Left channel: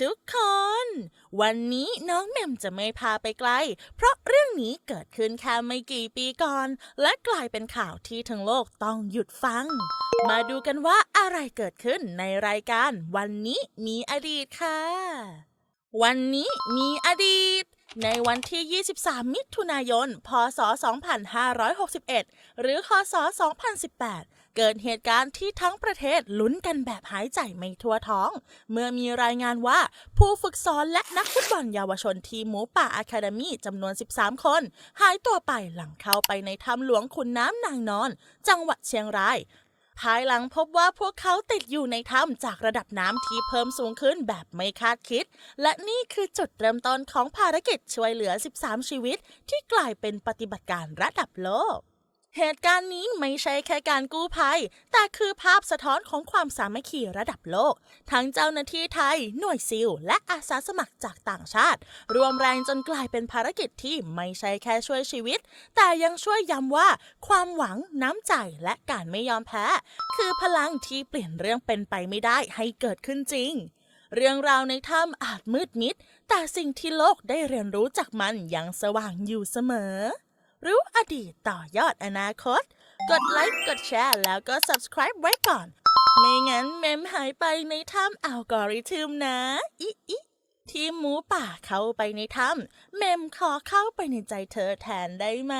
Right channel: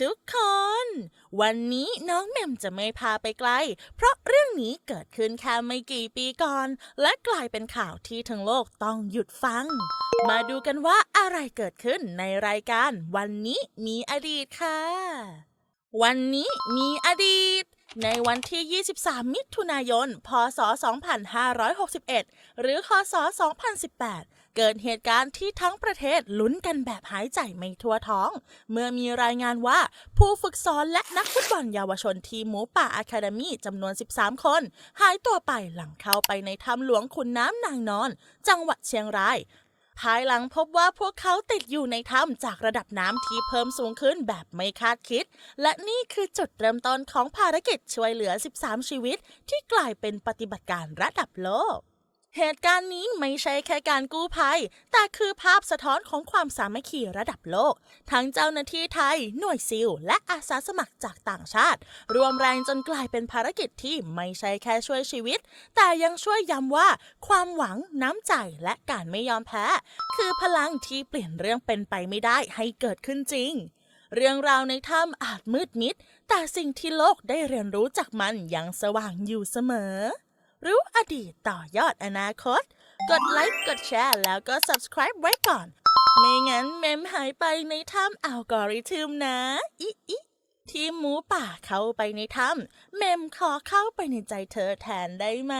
ทุกคน วันนี้น้องแหม่มจะไม่พาไปไกล เพราะเรื่องนี้เกิดขึ้นแค่ไม่กี่ปีก่อน และกลายเป็นข่าวที่ทั้งโลกต้องหยุดฟัง มาดูกันว่าอะไรเกิดขึ้นในรายการ วันนี้มีอดีตค่ะ วันนี้มีอดีตในวันที่ 23 มิถุนายน พศ 2561 หรือ คศ 2018 เกิดเหตุการณ์ที่ทั้งประเทศลุ้นกันแบบหายใจไม่ทั่วท้อง เมื่อมีรายงานว่าผู้ฝึกสอนและนักฟุตบอลเยาวชนทีมหมูป่าอะคาเดมี่จำนวน 13 คน หายตัวไปหลังเข้าไปในถ้ำหลวงขุนน้ำนางนอน จังหวัดเชียงรายภายหลังพบว่าพวกเขาติดอยู่ในถ้ำจากระดับน้ำที่เพิ่มสูงขึ้นแบบไม่คาดคิด และนี่คือจุดเริ่มต้นของภารกิจช่วยเหลือ 13 ชีวิต ที่กลายเป็นปฏิบัติการระดับโลก เหตุการณ์นี้ไม่ใช่แค่การกู้ภัย แต่คือภาพสะท้อนของความสามัคคีระดับโลก ทั้งเจ้าหน้าที่ไทย หน่วยซิล และอาสาสมัครจากต่างชาติ รวมแรงจนกลายเป็นภารกิจที่ไม่ใช่แค่ช่วยชีวิต แต่ยังช่วยย้ำว่า ความหวังน้ำใจและการไม่ยอมแพ้ คือพลังที่เปลี่ยนเรื่องเป็นไปไม่ได้ให้เกิดขึ้นจริง เรื่องราวในถ้ำอาจมืดมิด แต่สิ่งที่โลกได้เรียนรู้จากมันยังสว่างอยู่เสมอ รู้อดีตต่อยอดอนาคต กดไลค์กดแชร์แล้วก็ subscribe ไว้ก่อน ไม่งั้นเมมหายไปในถ้ำอัลกอริทึมนะอิอิทีมหมูป่าเข้าไปในถ้ำเมมขอเข้าไปในใจเธอแทนได้ไหม